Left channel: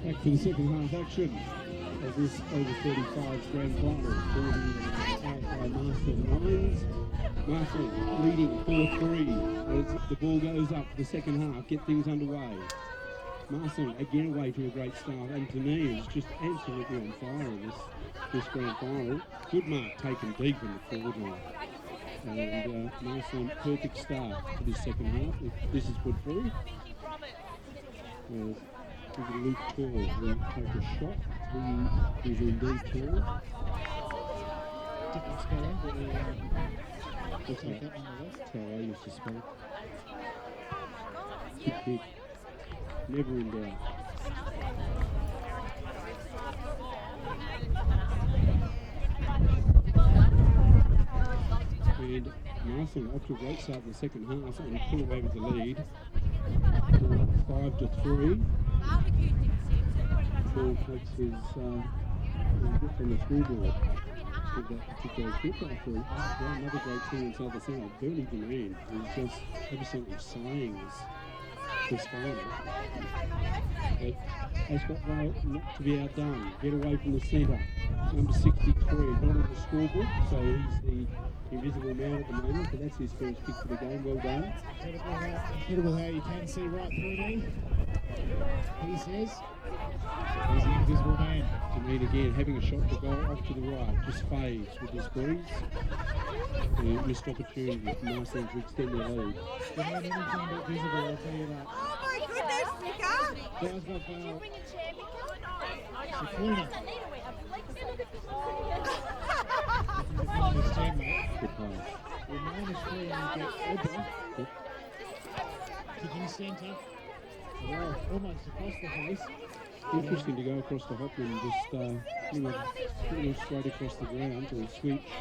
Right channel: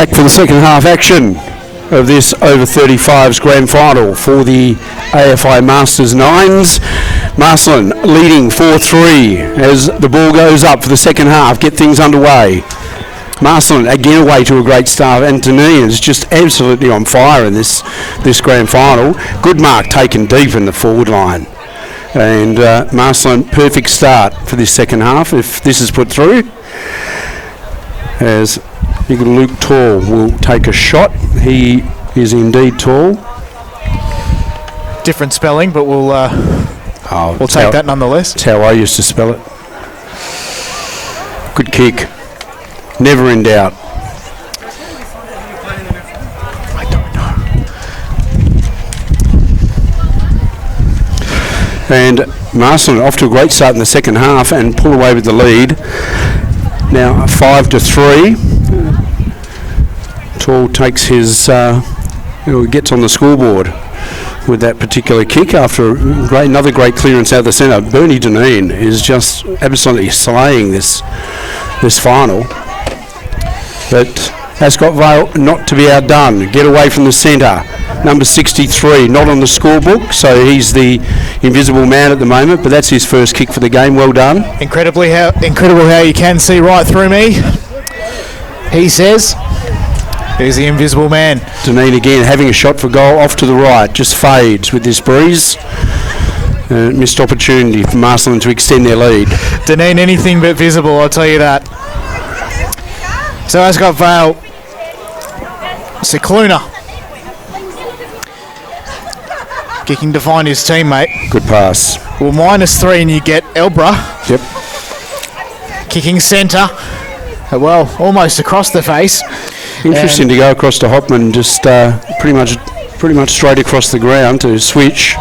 Back for the second half action of this over 35s grand final for the AFI Masters Nines. Marcellin leading 4-3 as the ball goes up for the second half. Get things underway. Marcellin again away to a great start. Antonine is just absolutely on fire in this grand final. Good mark taken deep in the forward line. And Marcellin, perfect start for this second half if this is put through. As big Luke Tall will take a shot. He is indeed tall. Different spelling, but we'll take that nonetheless. That's how I used to spell it. Good kick. Never in doubt. I don't know. And Marcellin off to a great start in the second half and pull away with the lead. Now 5-3. Tall takes his, gets on the scoreboard with that particular kick after another great clearance out of the centre. Bernie Deneen is just absolutely slaying this final. But Ascot Vale not to be outdone. Get away from the centre. Number 63, not on the scorebook, so he's the invisible man at the moment, but that's his first kick for the game. Well done. Incredible how you can see right through me. He says, he's the invisible man. Deneen again having a shot for goal off to the right, just fades with this breeze. Missed opportunity for Marcellin to extend their lead. Deneen anything but visible, I'll tell you that. So Ascot Vale, Cicluna kicking to find his teammate. Good pass. Well, -3 and you get Elbra. Yep. Kicking centre. Well, almost across the face. Interesting to go across to Hopman, just pretty much straight across the ground to switch.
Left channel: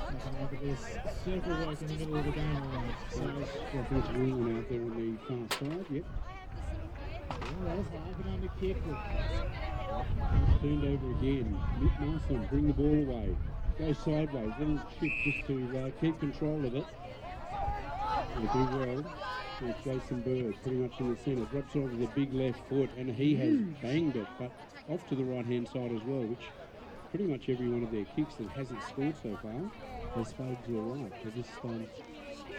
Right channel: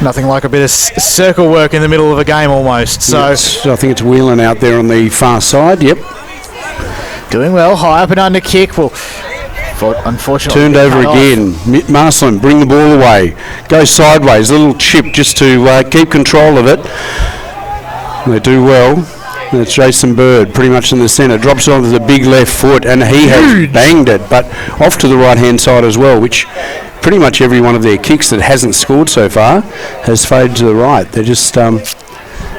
Nothing like a bit of circle work in the middle of a game almost. So yes, I think it's Whelan out there on the far side. Yep. Doing well. High up and under kick. Well, unfortunately turned over again. Marcellin bring the ball away. Go sideways. A little chip just to keep control of it. They do well. It's Jason Bird pretty much in the centre. Drops it onto the big left foot and he has banged it, but off to the right hand side as well, which pretty much every one of their kicks that hasn't scored so far has faded to the right. They just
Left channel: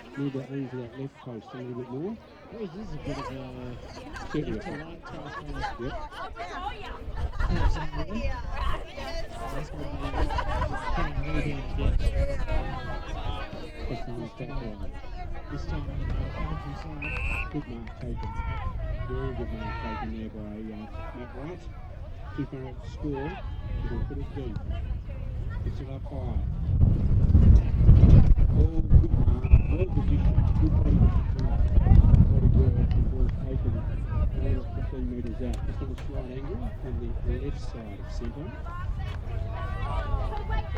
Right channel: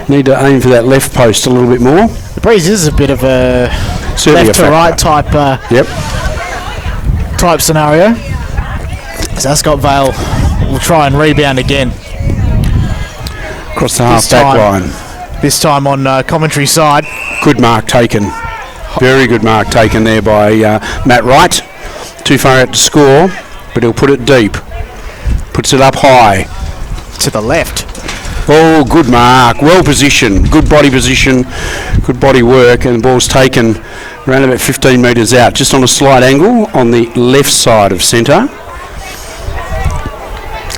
need to aim for that left post a little bit more. The breeze is a bit of a certainly left to right type type scenario. So Ascot Vale will try and rebound again. Across the half-back line. This time on commentary side. Good mark taken. Very good mark taken there by Matt Wright. Too far out to score, but he'll put it deep. Puts it up high. To the left. Oh, good mark. Well positioned. Good body position. Good body work. And the ball's taken around about 15 metres out. Just on a slight angle on the left side of centre.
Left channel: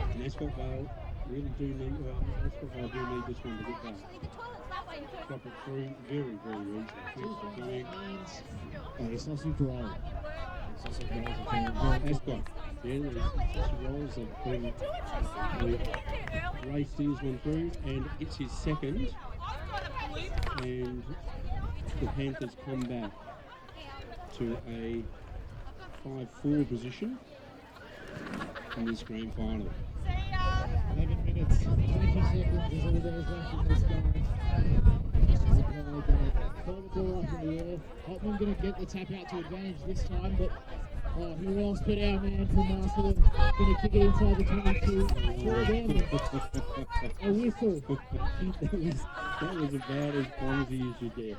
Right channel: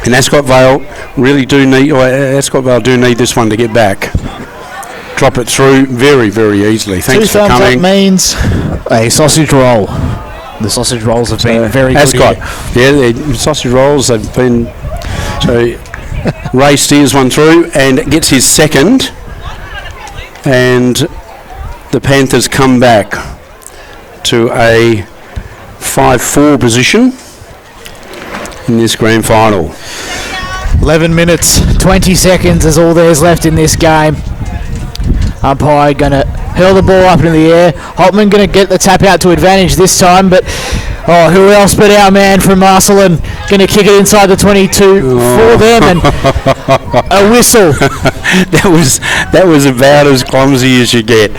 And Ascot Vale do need this one to get back. Drop it through very, very easily. Thanks for coming. That means a sausage roll. The sausage rolls have been very good. Ascot, the sausage rolls have been. So Ray steers one through and gets his second, and the Panthers come back to a 5-4 position in this grand final. 11 minutes, 20 seconds is all there's left in this game. Umpire going to hurl the ball up into the air. Holtman going to get the tap out to advantage this time, but who else but our man from Marcellin going to kick it inside the 22 for them, and a whistle. that was about as clumsy as you get.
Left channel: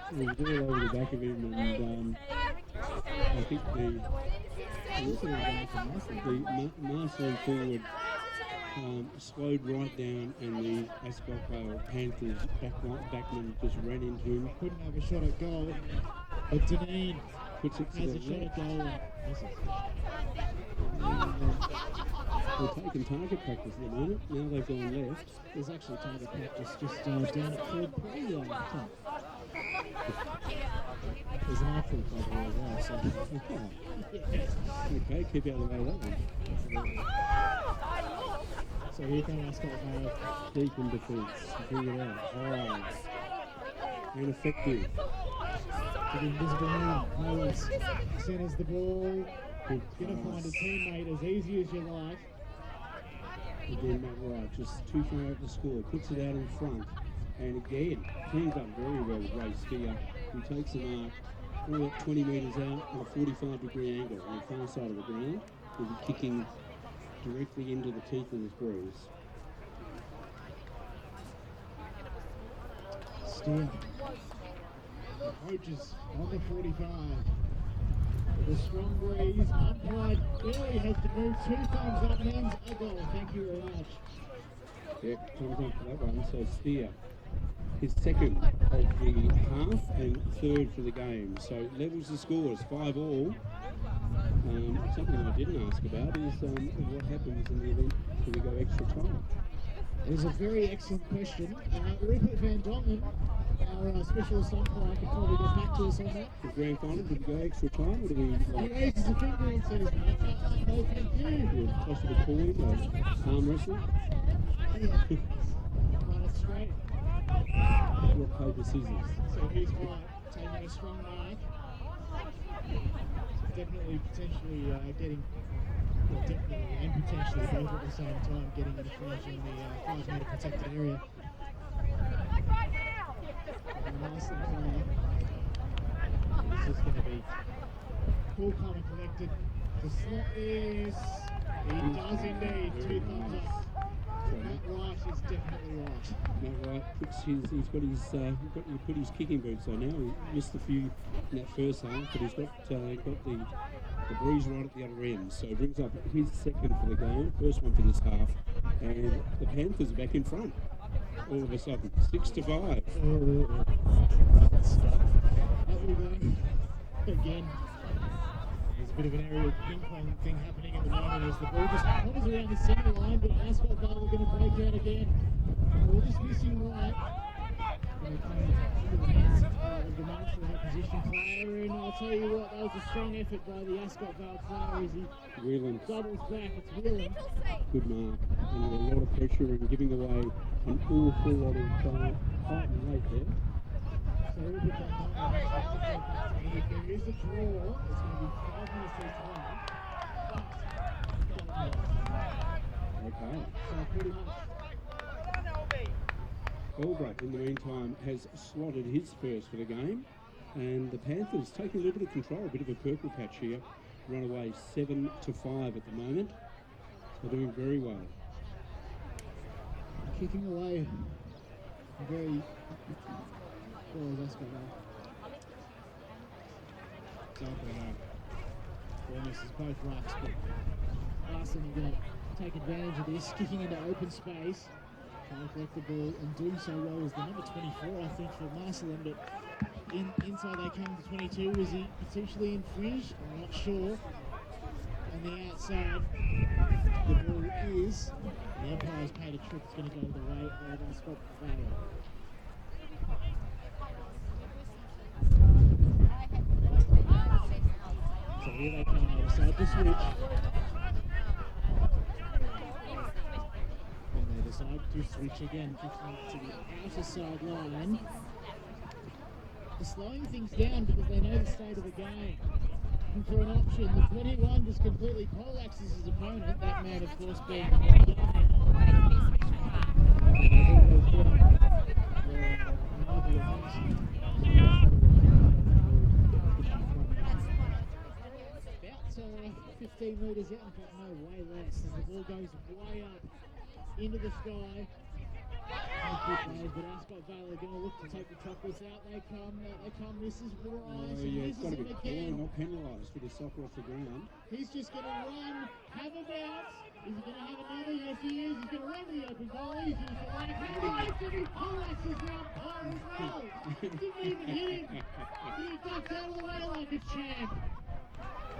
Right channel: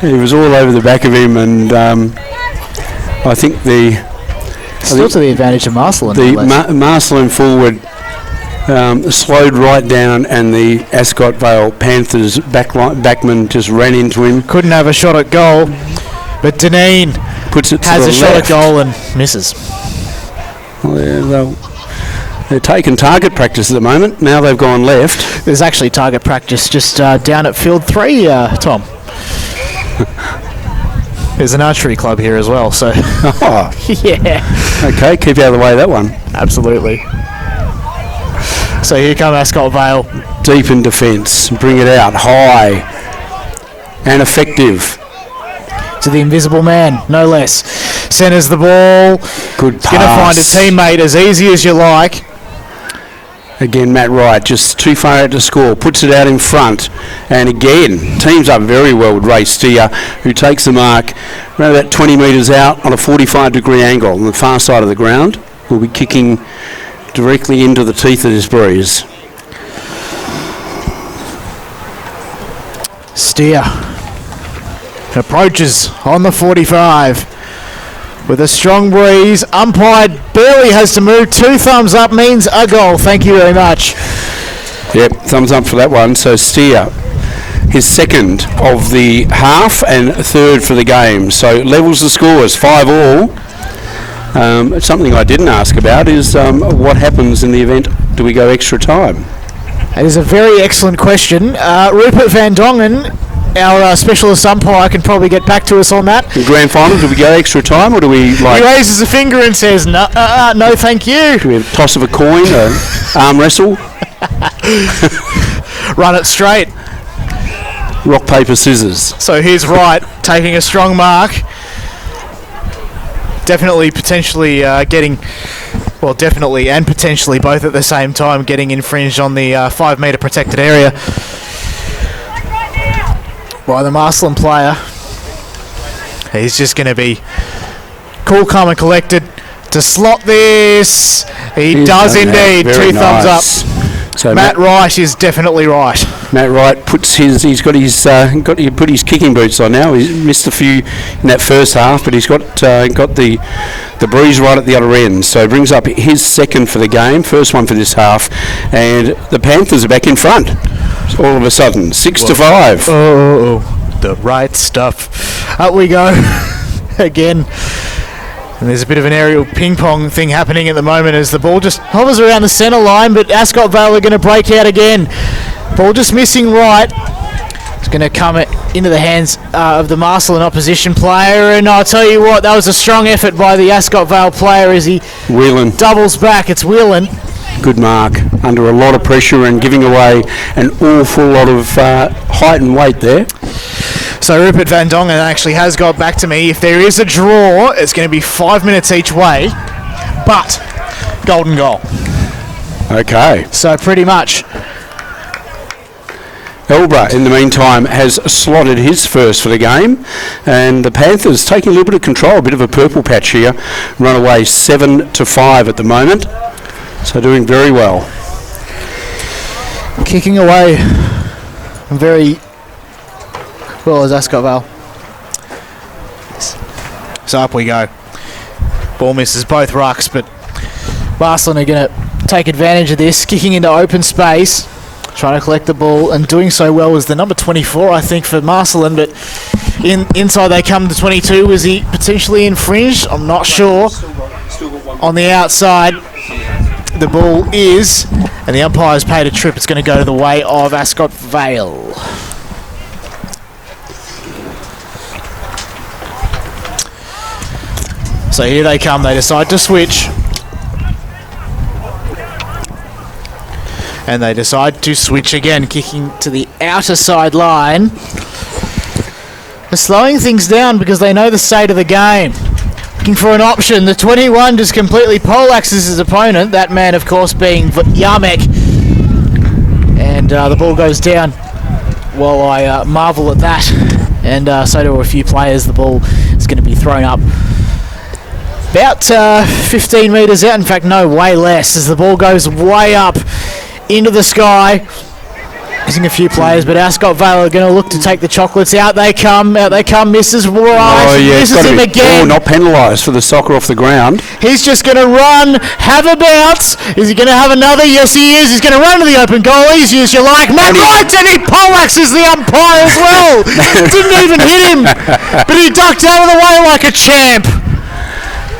He was all over the back of him, and I think still to the advantage of Marcellin. The Marcellin forward slowed right down, and the Ascot Vale Panthers backman just ran into him. Couldn't have a shot at goal, but Deneen puts it to has the a left. shot at goal and misses. Well, they're taking target practice at the moment. Now they've gone left. There's actually target practice just down at field 3, Tom. There's an archery club here as well, so. Oh. Yeah. Okay, keep out of the way of that one. Absolutely. So here come Ascot Vale. Deep in defence. Bring it out high and effective. to the invisible man, no less. Centres the ball. Good pass. Going to find a teammate as easy as you like. Again, Matt Wright, just too far out to score, puts it out in front. And again, teams up very well with Ray Steer, who takes the mark around about 20 metres out on a 45-degree angle on the far side of the ground. Will be kicking directly into the teeth of this breeze. Steer approaches on the 45 with a strong breeze. Umpire barely has to move. 2 thumbs up means a goal. Thank you very much. Yep, thumbs up for that one. So Steer, his second of the half and third for the game. So levels the scores, 5-all. Something I didn't ask about is what happens in the event do we go extra time? That is a very excellent question. Rupert Van Dongen, our specialist umpire, can probably get back to us on that. The grand final, do we go extra time or do we like... He raises a finger and says, no, thank you. Do we have a toss of a coin, an arm wrestle? Run it straight. Rock, paper, scissors. So here's Wright taking a strong mark. Definitely, potentially getting... Well, definitely and potentially both at the same time getting infringed on the 5-metre protected area by the Marcellin player. He's just going to be cool, calm and collected to slot this. He does indeed. 2 thumbs up. So Matt Wright is definitely right. Matt Wright puts he's got to put his kicking boots on now. He's missed a few in that first half, but he's got the breeze right at the other end. So brings up his second for the game, first one for this half, and the Panthers are back in front. All of a sudden, 6-5. Oh, the right stuff. Up we go again. And there's a bit of an aerial ping-pong thing happening at the moment as the ball just hovers around the centre line, but Ascot Vale are going to break out again. Ball just missing right. It's going to come into the hands of the Marcellin opposition player, and I'll tell you what, that was a strong effort by the Ascot Vale player as he doubles back. It's Whelan. Good mark, under a lot of pressure and giving away an awful lot of height and weight there. So Rupert Van Dongen actually has got back to me. If there is a draw, it's going to be 5 minutes each way, but golden goal. Okay. So pretty much. Elbra, in the meantime, has slotted his first for the game, and the Panthers taking a little bit of control, a bit of a purple patch here, run away 7-5 at the moment, so doing very well. Kicking away very well as Ascot Vale. So up we go. Ball misses both rucks, but Marcellin are going to take advantage of this, kicking into open space. Trying to collect the ball, and doing so well was the number 24, I think, for Marcellin, but inside they come to 22. Was he potentially infringed? I'm not sure. On the outside, the ball is, and the umpire's paid a trip. It's going to go to the way of Ascot Vale. So here they come. They decide to switch. And they decide to switch again, kicking to the outer side line. They're slowing things down because they know the state of the game. Looking for an option. The 21 just completely poleaxes his opponent. That man, of course, being Yarmek. And the ball goes down. Well, I marvel at that. And so do a few players. The ball is going to be thrown up about 15 metres out. In fact, no, way less, as the ball goes way up into the sky. Missing a few players, but Ascot Vale are going to look to take the chocolates. Out they come, misses Wright. Oh, yeah, misses him again. Oh, not penalised for the soccer off the ground. He's just going to run, have a bounce. Is he going to have another? Yes, he is. He's going to run to the open goal, easy as you like. Matt Wright, and he poleaxes the umpire as well. Didn't even hit him, but he ducked out of the way like a champ.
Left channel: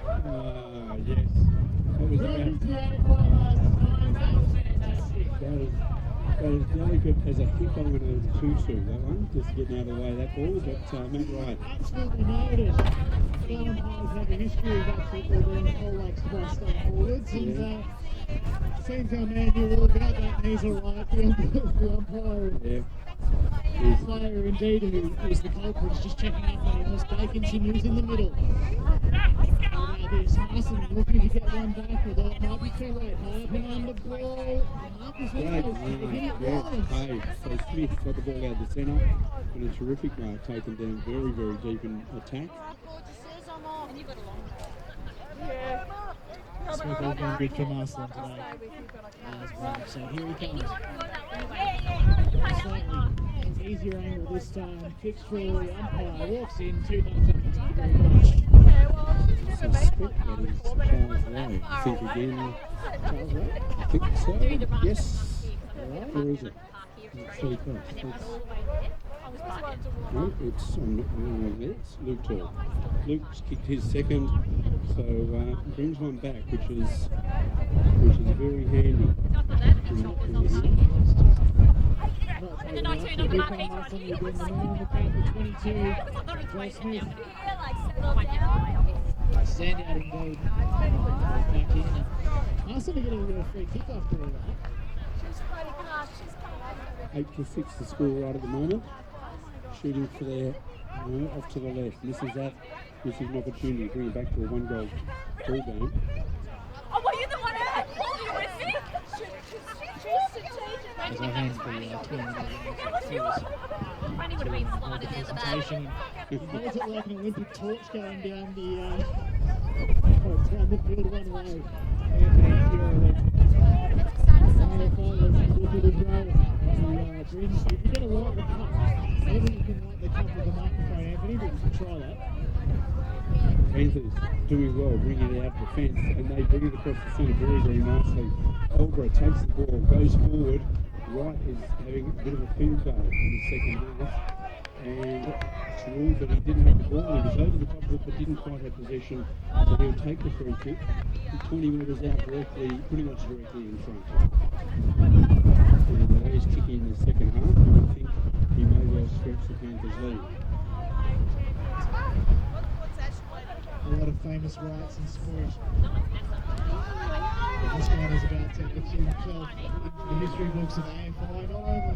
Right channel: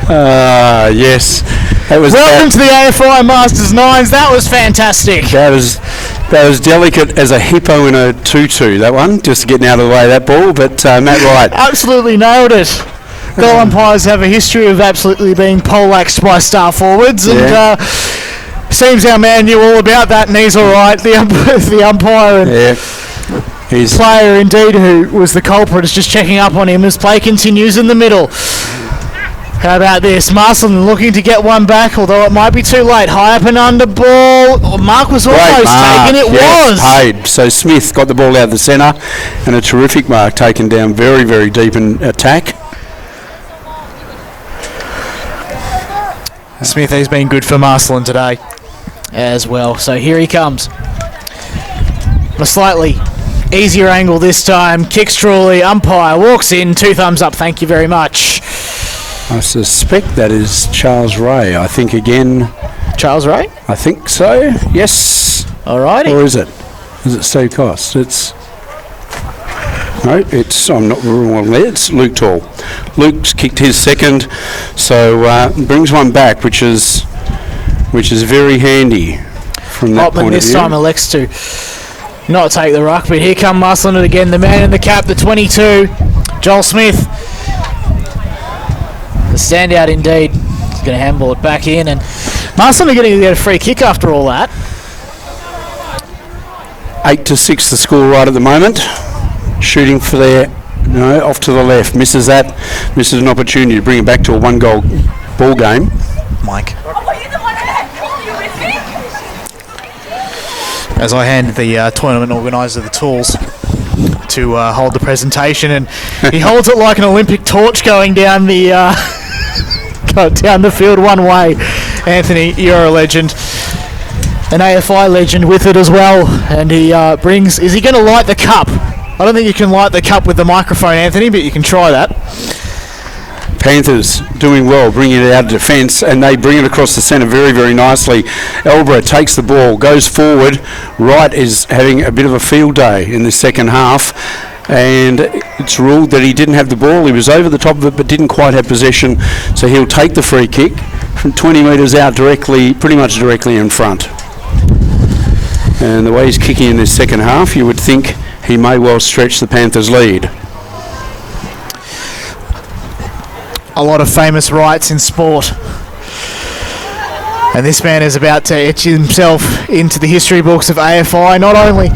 Yes. Welcome to the AFI Masters 9s. That was fantastic. That was delicate as a hippo in a tutu, that one, just getting out of the way of that ball, but Matt Wright. Absolutely nailed it. Goal umpires have a history of absolutely being poleaxed by star forwards, and seems our man knew all about that, and he's all right, the umpire. And player indeed who was the culprit is just checking up on him as play continues in the middle. How about this? Marcellin looking to get one back, although it might be too late. High up and under ball. Oh, Mark was almost taken. It was. Paid. So Smith got the ball out of the centre, and a terrific mark taken down very, very deep in attack. Smith has been good for Marcellin today as well. So here he comes. A slightly easier angle this time. Kicks truly. Umpire walks in. 2 thumbs up. Thank you very much. I suspect that is Charles Ray. I think again. Charles Ray? I think so. Yes. Alrighty. Or is it? Is it Steve Cost? No, I'm not wrong there. It's Luke Tall. Luke's kicked his second, so brings one back, which is very handy from that Hopman point this of view. time elects to not take the ruck, but here come Marcellin again. The man in the cap, the 22, Joel Smith. The standout indeed. He's going to handball it back in, and Marcellin are going to get a free kick after all that. 8-6 the score right at the moment. Shooting for there, off to the left. Misses that. Misses an opportunity to bring it back to a 1-goal ball game. Mike. As I hand the tournament organiser the tools to hold the presentation, and he holds it like an Olympic torch going down the down the field one way. Anthony, you're a legend. An AFI legend with it as well, and he brings... Is he going to light the cup? I don't think you can light the cup with the microphone, Anthony, but you can try that. Panthers doing well, bringing it out of defence, and they bring it across the centre very, very nicely. Elborough takes the ball, goes forward. Wright is having a bit of a field day in the second half, and it's ruled that he didn't have the ball. He was over the top of it but didn't quite have possession, so he'll take the free kick from 20 metres out pretty much directly in front. And the way he's kicking in this second half, you would think he may well stretch the Panthers' lead. A lot of famous rights in sport, and this man is about to etch himself into the history books of AFI, not only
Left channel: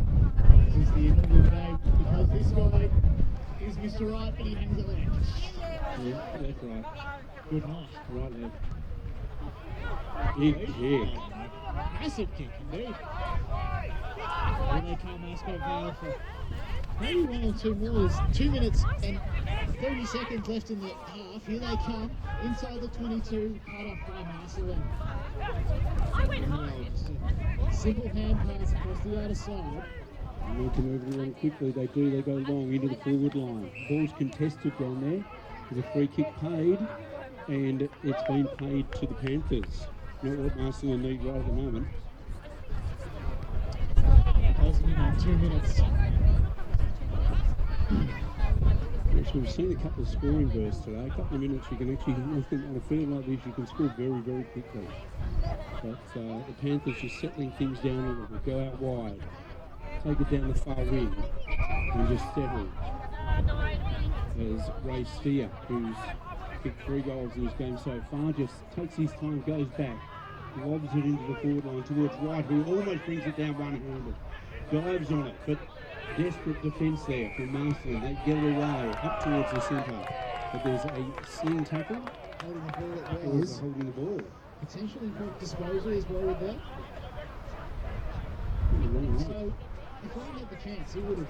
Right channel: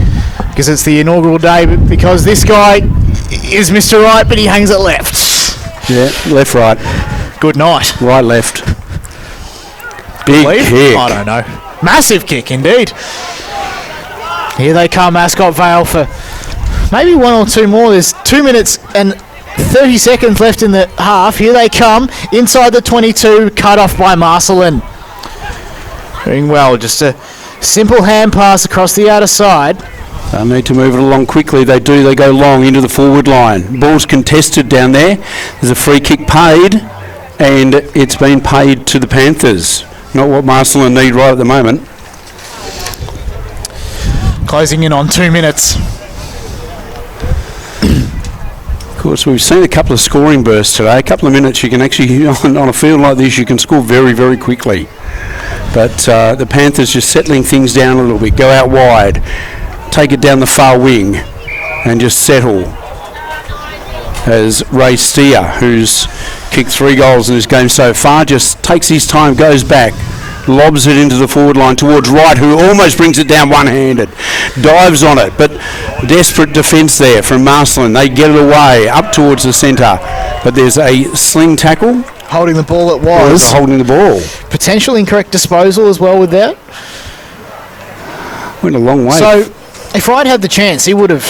because it's the inaugural day, but because this guy is Mr. Right, but he hangs it left. Yeah, left, right. Good night. Right, left. Big kick. I don't know. Massive kick indeed. Here they come, Ascot Vale, for maybe 1 or 2 more. There's 2 minutes and 30 seconds left in the half. Here they come, inside the 22, cut off by Marcellin. Doing well, just a simple hand pass across the outer side. They'll need to move it along quickly. They do. They go long into the forward line. Ball's contested down there. There's a free kick paid, and it's been paid to the Panthers. Not what Marcellin need right at the moment. Closing in on 2 minutes. Of course, we've seen a couple of scoring bursts today. A couple of minutes, you can actually, on a field like this, you can score very, very quickly. But the Panthers just settling things down a little bit. Go out wide, take it down the far wing, and just settle. As Ray Steer, who's kicked 3 goals in this game so far, just takes his time, goes back, lobs it into the forward line towards Wright, who almost brings it down one-handed, dives on it, but desperate defence there from Marcellin. They get it away up towards the centre, but there's a sling tackle. Holding the ball it was. Holding the ball. Potential incorrect disposal as well with that. Went a long way. So if Wright had the chance, he would have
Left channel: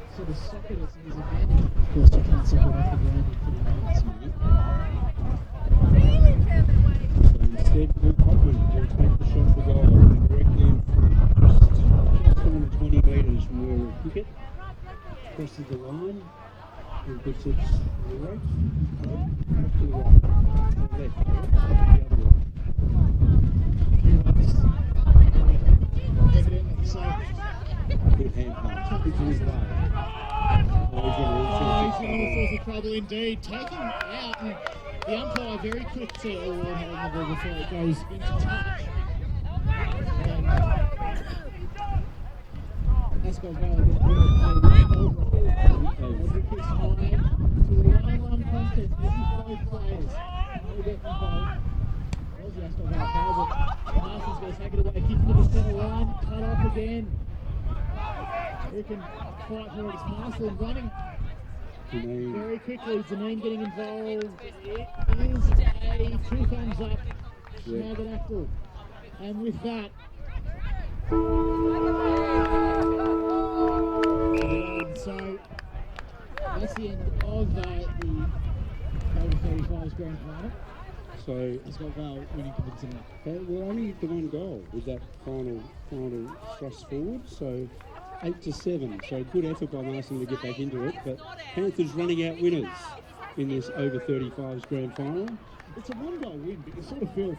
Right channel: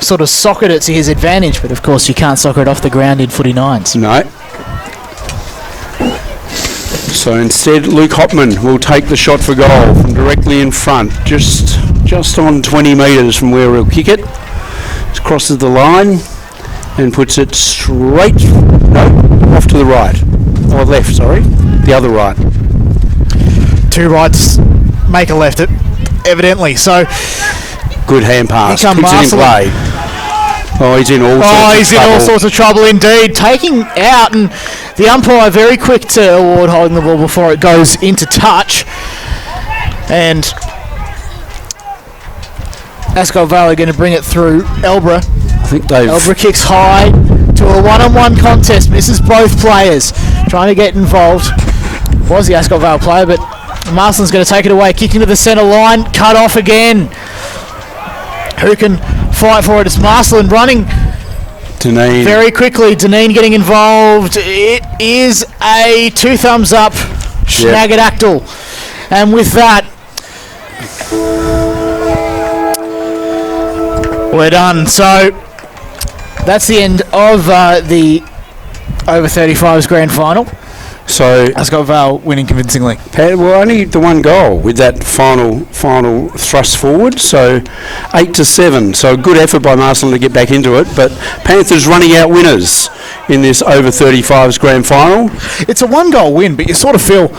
sort of socketed it to his advantage, but of course you can't soccer it off the ground in footy nines. No. So instead, Luke Hopman will take the shot for goal from directly in front, just on 20 metres from where he'll kick it. It crosses the line and puts it off to the right. Or left, sorry. The other right. 2 rights make a left, evidently. So good hand pass. Keeps it in play. Oh, he's in all sorts of trouble indeed. Taking out, and the umpire very quick to award holding the ball before it goes into touch. And Ascot Vale are going to bring it through Elborough. I think Elborough kicks high to a one-on-one contest. Misses both players. Trying to get involved. Was the Ascot Vale player, but Marcellin's going to take it away. Kick into the centre line. Cut off again. who can fight for it? It's Marcellin running Deneen. very quickly. Deneen getting involved. It is a 2 thumbs up Schnagadactyl. And with that, we're done. So that's the end of the over 35s grand final. So Ascot Vale winning convincingly. well, only the one goal with that final thrust forward. So 8-7. So a good effort by Marcellin to get back into it. But Panthers running out winners in this over 35s grand final. It's a 1-goal win, but you sort of feel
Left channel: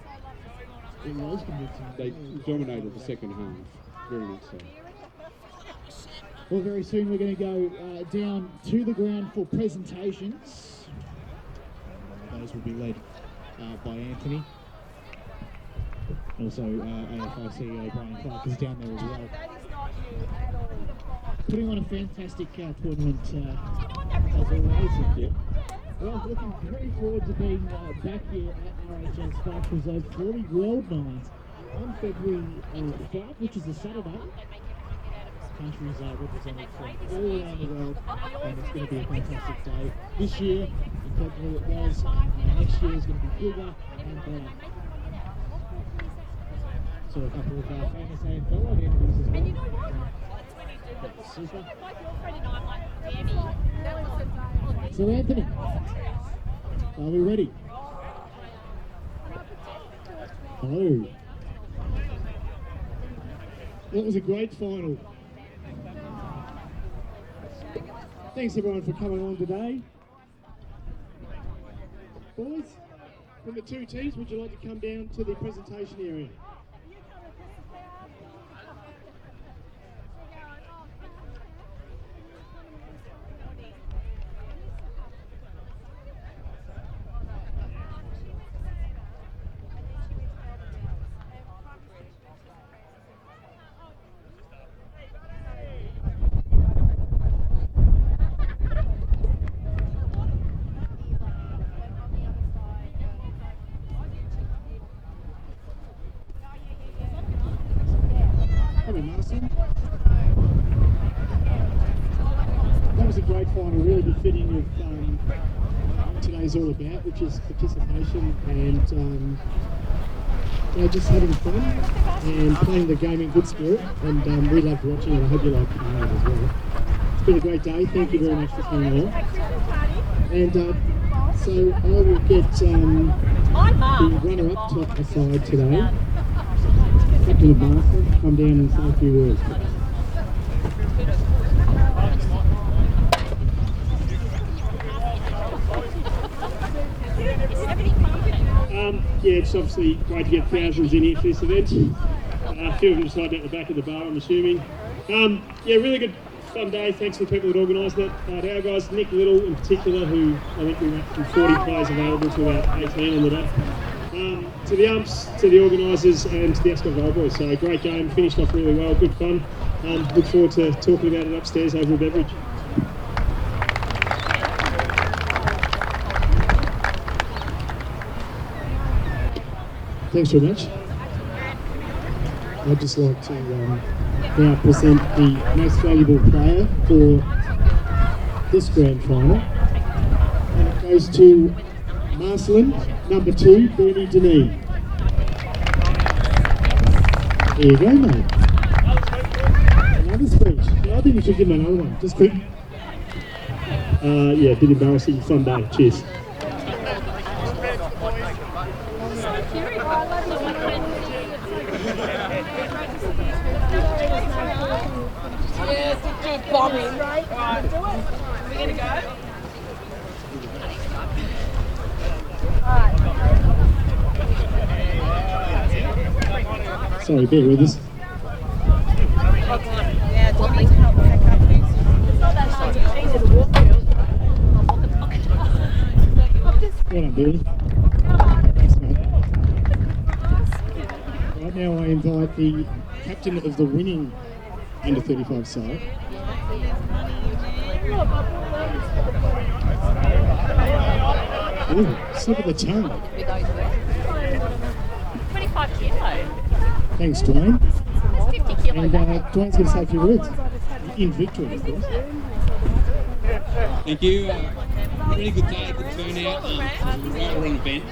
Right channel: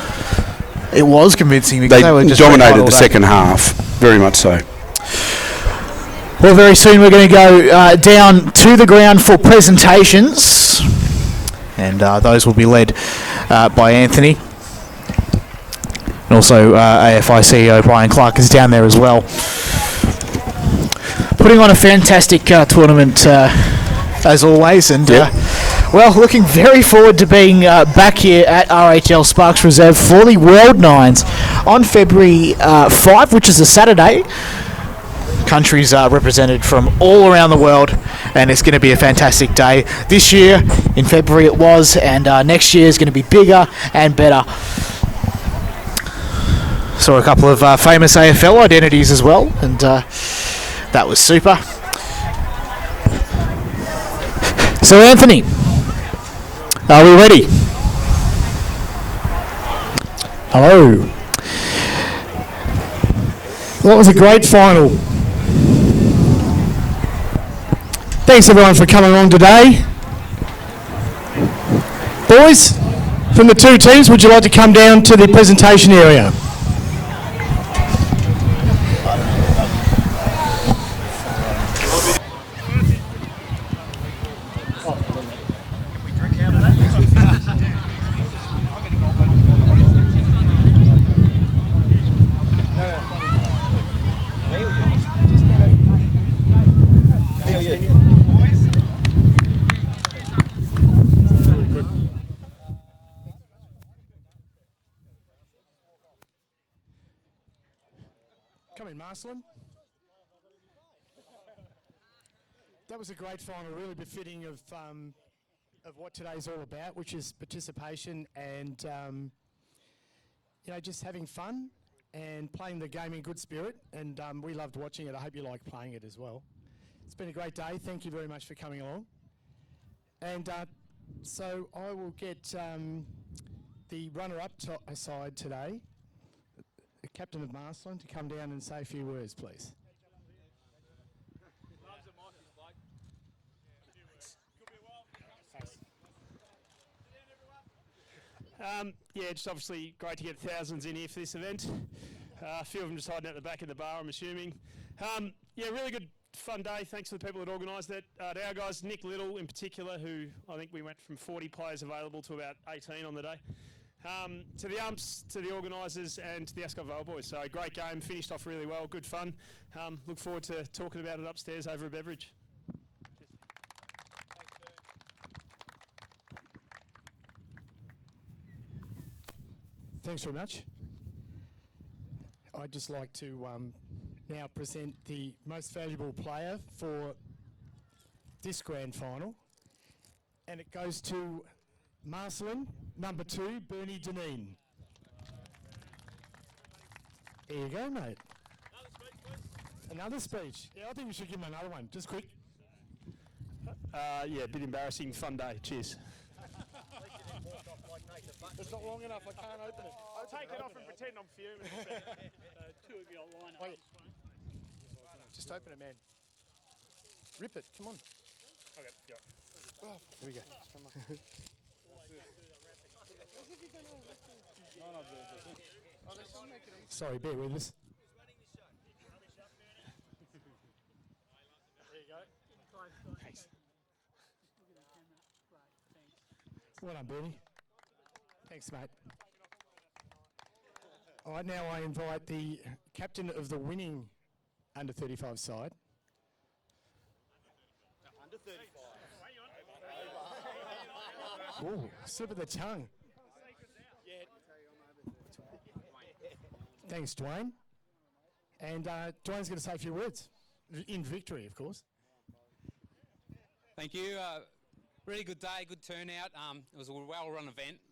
it was convincing because they were just dominated the second half. Very much so. Well, very soon we're going to go down to the ground for presentations, and those will be led by Anthony. And also AFI CEO Brian Clark is down there as well. Putting on a fantastic tournament as always, and well, looking very forward to being back here at RHL Sparks Reserve for the World Nines on February 5, which is a Saturday. Countries are represented from all around the world, and it's going to be a fantastic day. This year, in February it was, and next year is going to be bigger and better. Saw a couple of famous AFL identities as well, and that was super. So Anthony, are we ready? Hello. That was a great final. Thanks everyone for coming along today. Boys, from the two teams, would you like to come down to the presentation area? That was a great final, really just fitting with today's all about, which is participation and just having fun and playing the game in good spirit. And we loved watching it. I hope you liked playing it as well. It's been a great day. Thank you very much for coming along. And so I will get the runner-ups top aside today. Captain of Marcellin, come down and say a few words. Yeah, it's obviously great to get thousands in here for this event. A few of them decided at the back of the bar, I'm assuming. Yeah, really good fun day. Thanks to the people that organised it. To our guys, Nick Little in particular, who I think we went from 40 players available to about 18 on the day. To the umps, to the organisers, and to the Ascot Vale boys. So a great game, finished off really well, good fun. Look forward to talking about it upstairs over a beverage. Thanks very much. I'd just like to now present the most valuable player for this grand final. And it goes to Marcellin, number 2, Bernie Deneen. There you go, mate. Another speech. I think you should give him another one. Just quick. Yeah, a bit embarrassing. Fun day. Cheers. Sorry, bear with us. Well done, Billy. Right now I invite the captain of the winning under 35 side. Ooh, slip of the tongue. 25 kilo. Thanks, Dwayne. It's 50 kilo. And Dwayne's going to say a few words. in victory, of course. Thank you. Really good day, good turnout. Right around the event.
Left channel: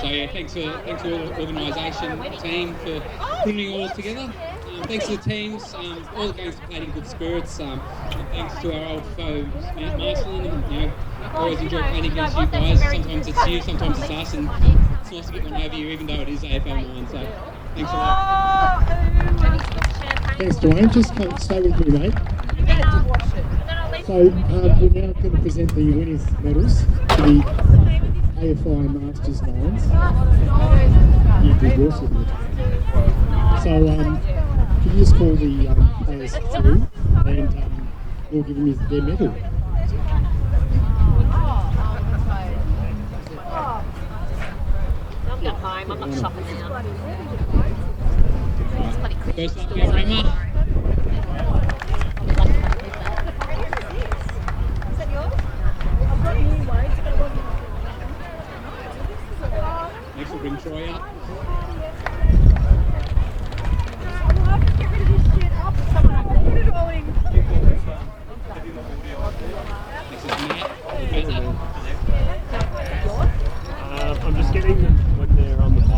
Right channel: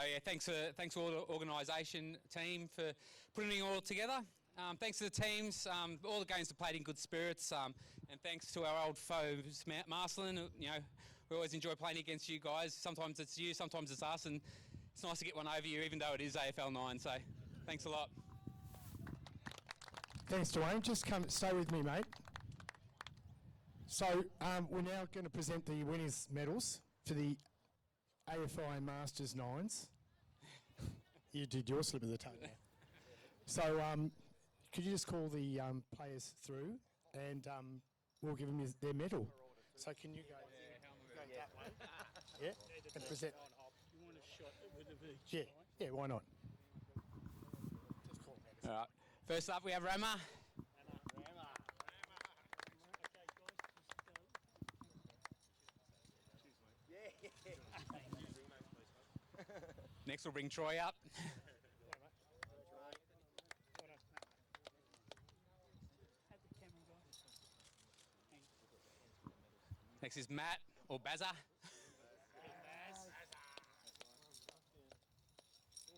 So yeah, thanks to the organisation, the team for putting it all together. Thanks to the teams, all the games played in good spirits. Thanks to our old foes, Marcellin. You know, always enjoy playing against you guys. Sometimes it's you, sometimes it's us, and it's nice to get one over you, even though it is AFI 9. So thanks a lot. Thanks, Dwayne. Just stay with me, mate. So we're now going to present the winning medals to the AFI Masters 9. You did awesome. So can you just call the players through and we'll give them their medal. I'm going home, I'm not shopping now. First up, Emma. Next we'll bring Troy up. This is Matt. I'm just getting when they're on the mic.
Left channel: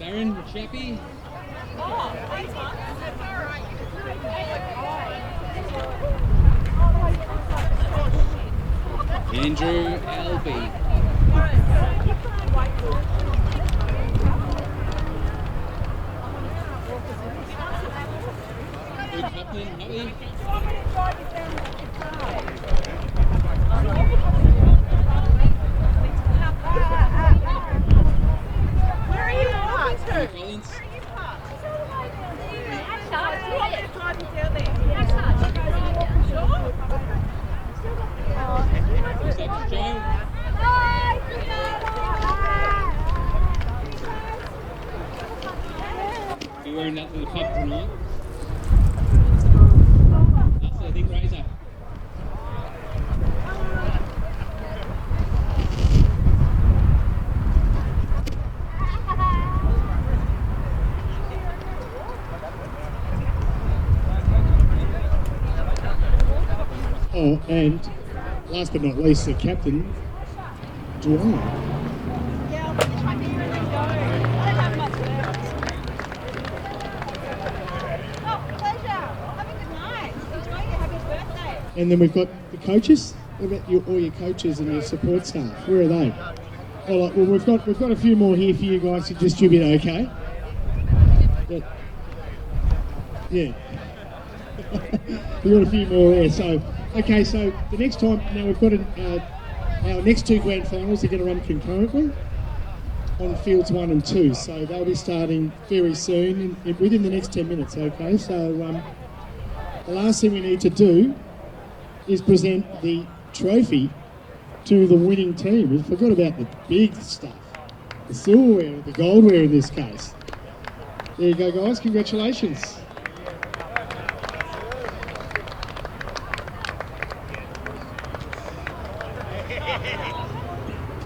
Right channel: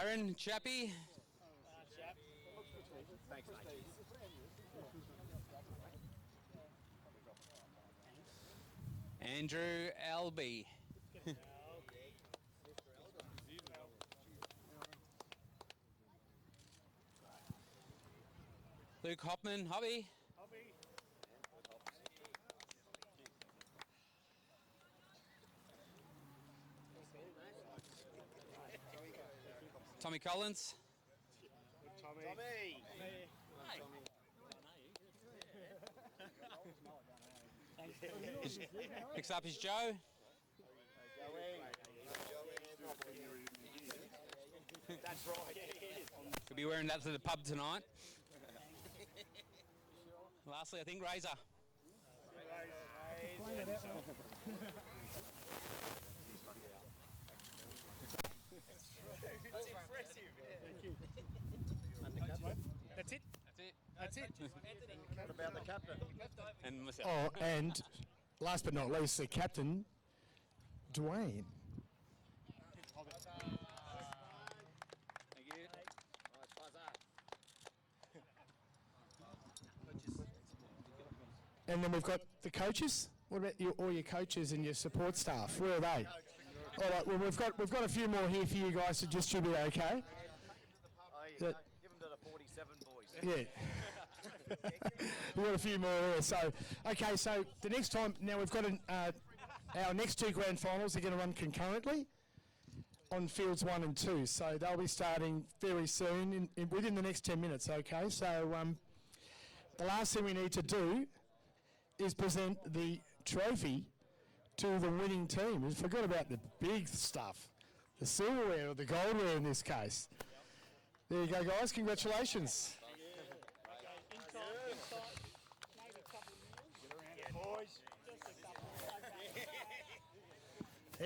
Darren, the chappie. Andrew Albee. Luke Hoffman, Holly. Where are you at? Luke Collins. Saxon Joe. You're wearing that little puff tonight. I think Razor. Oh, and last but not least, the captain, Dwayne. Yeah, I'll just right here and then go. I don't have much left. Oh, pleasure. Have a good night. Enjoy your happy birthday. And then we've got the coaches. What about all your coaches and your support staff? Where are they? All right, well, we've got a few more here for you guys to distribute, okay? Yeah. We've got a few more there, so... Okay, so the next time, now we've got our next two grand finals are going to run concurrently on fields 1 and 2, so they'll be starting very soon, within the next 10 minutes, okay? So the last thing we need to do is present the trophy to the winning team. We forgot about the big stuff, the silverware, the goldware in this case. There you go, guys, congratulations.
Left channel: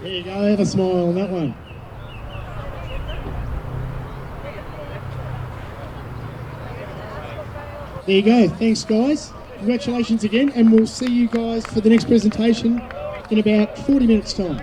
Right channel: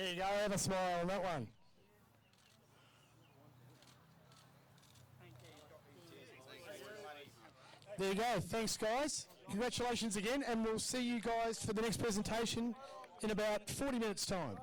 There you go, have a smile on that one. There you go, thanks guys. Congratulations again, and we'll see you guys for the next presentation in about 40 minutes time.